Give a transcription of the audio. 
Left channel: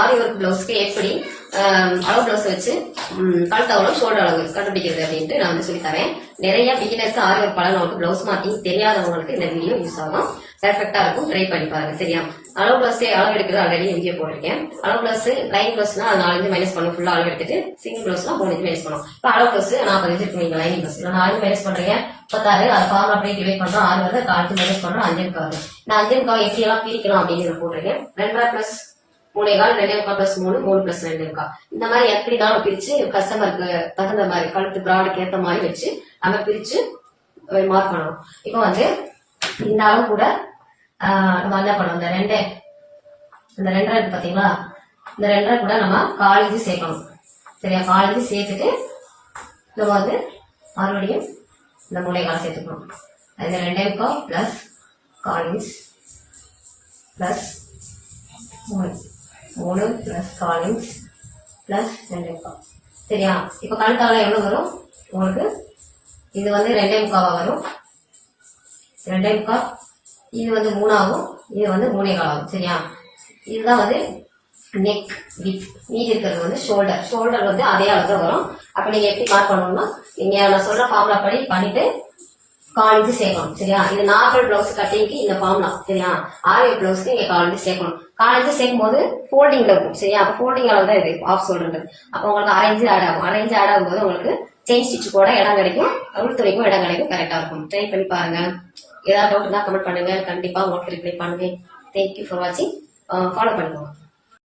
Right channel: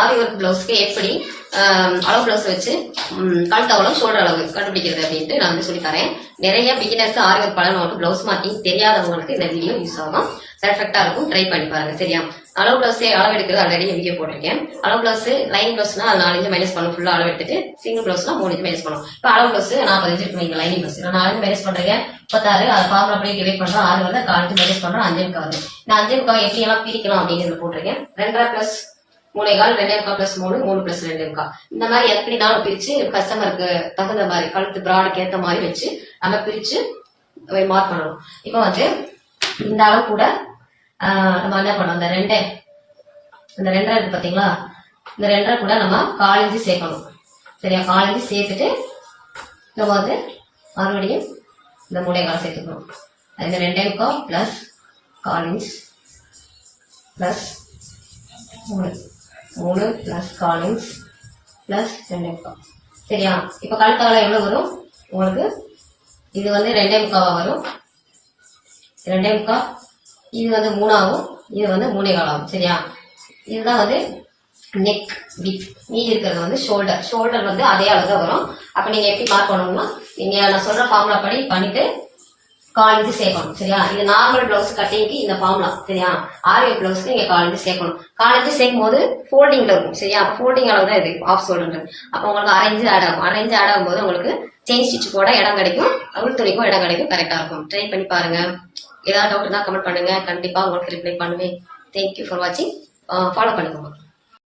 ஆரி work பிளவுஸ்க்கு எப்படி அளவு blouse வச்சு கழுத்து அவ்வளவு ஷோல்டர் அளவு கண்டுபிடிக்கிறது அப்படின்ட்டு நான் வந்து சொல்லி தரேன். நிறைய பிகினர்ஸ் ஆரி ஒர்க் பழனவங்களுக்கு பிளவுஸ் மார்க்கிங் தெரியாதவங்களுக்கு இந்த வீடியோ யூஸ் ஆகும். பெர்ஃபெக்டா இருக்கும். ட்ரை பண்ணி பாருங்க. சரியா? அளவு பிளவுஸ் அளவு எடுக்கிறது ஆல்ரெடி வீடியோ போட்டிருக்கேன். அளவு பிளவுஸ் லைனிங் பிளவுஸ்னா 4 இன்ச் மைனஸ் பண்ணும். ஃபுல்லா அளவு எடுத்துட்டு சிங்கிள் பிளவுஸ்னா 3 இன்ச் மைனஸ் பண்ணும். இப்போ அளவு பிளவுஸ் 40 இன்ச் இருக்கு. நீங்க லைனிங் பிளவுஸ் 4 இன்ச் மைனஸ் பண்றீங்க 36. அதை ஃபார்முலா அப்படியே டிவைட் பண்றோம். 6 வந்து 4 இன்ச் மைனஸ் பண்றோம். 5 இன்ச் வருது. நான் 5 இன்ச் எப்படி எல்லாம் பிரிக்கலாம் அப்படின்னு போட்டிருக்கேன். 2.5 பிளஸ் 3.25 2.5 பிளஸ் 3 3 பிளஸ் 2.5. இந்த மாதிரி எப்படினாலும் பிரிச்சு கஸ்டமருக்கு தகுந்த மாதிரி கழுத்து பிராடுக்கு ஏற்ற மாதிரி வச்சு நம்ம பிரிச்சு மார்க் பண்ணணும். இப்போ வந்து இந்த அளவு கூட நம்ம என்ன பண்ணோம், இந்த 2.5 இருக்கு பாத்தீங்களா, இந்த 2.5 கூட நம்ம 1/4 இன்ச் சேர்க்கணும். சரியா? 1/4 இன்ச் சேர்த்துட்டு நம்ம வந்து மறுபடியும் இந்த 3.25 சேர்த்துக்கணும். இந்த 2.5 plus 1/4 inch plus 3 plus 1/4 inch plus 2.5. சரியா? இப்ப கழுத்தால எவ்வளவு வரும் உங்களுக்கு? இது வந்து 2.5 வரும். 2.5. இது வந்து 3 ஆகும். இது வந்து 3.25 ஆகும். சரியா? இதுதான் வந்து நெக் வித். மீதி இருக்கிறது வந்து ஷோல்டர் வந்து அதே அளவு தான் வரும். அப்ப நீங்க எப்படி மார்க் பண்ணணும்னா, நீங்க நான் சொல்ற ஃபார்முலா படி பண்ணிட்டு 1/4 இன்ச் சேர்க்கணும். சரியா? இது நார்மல் பிளவுஸ் கட்டிங்க்கு இந்த ஃபார்முலா. சரியா? ஆரி பிளவுஸ்க்கு நீங்க 1/4 இன்ச் சேர்க்கணும். 1/4 இன்ச் சேர்க்கும் போது ஃபோல்டிங்ல இருக்கும். சரியா? அப்ப ஃபோல்டிங் அளவு தான் இது ஆஃப் ஷோல்டர். அப்ப உங்களுக்கு 1/2 இன்ச் ஆட் ஆகும். 1/2 இன்ச் ஆட் ஆகும்போது உங்களுக்கு செயின் ஸ்டிச் போட இடம் கிடைக்கும். உள் துணிக்கும் இடம் கிடைக்கும். கரெக்டா இருக்கும். ட்ரை பண்ணி பாருங்க. ஏதாவது டவுட் இருந்தா கமெண்ட் பண்ணுங்க. கண்டிப்பா உங்களுக்கு ரிப்ளை பண்ணுவேன். தேங்க்யூ ஃபார் வாட்சிங். ஃபாலோ பண்ணிக்கோங்க.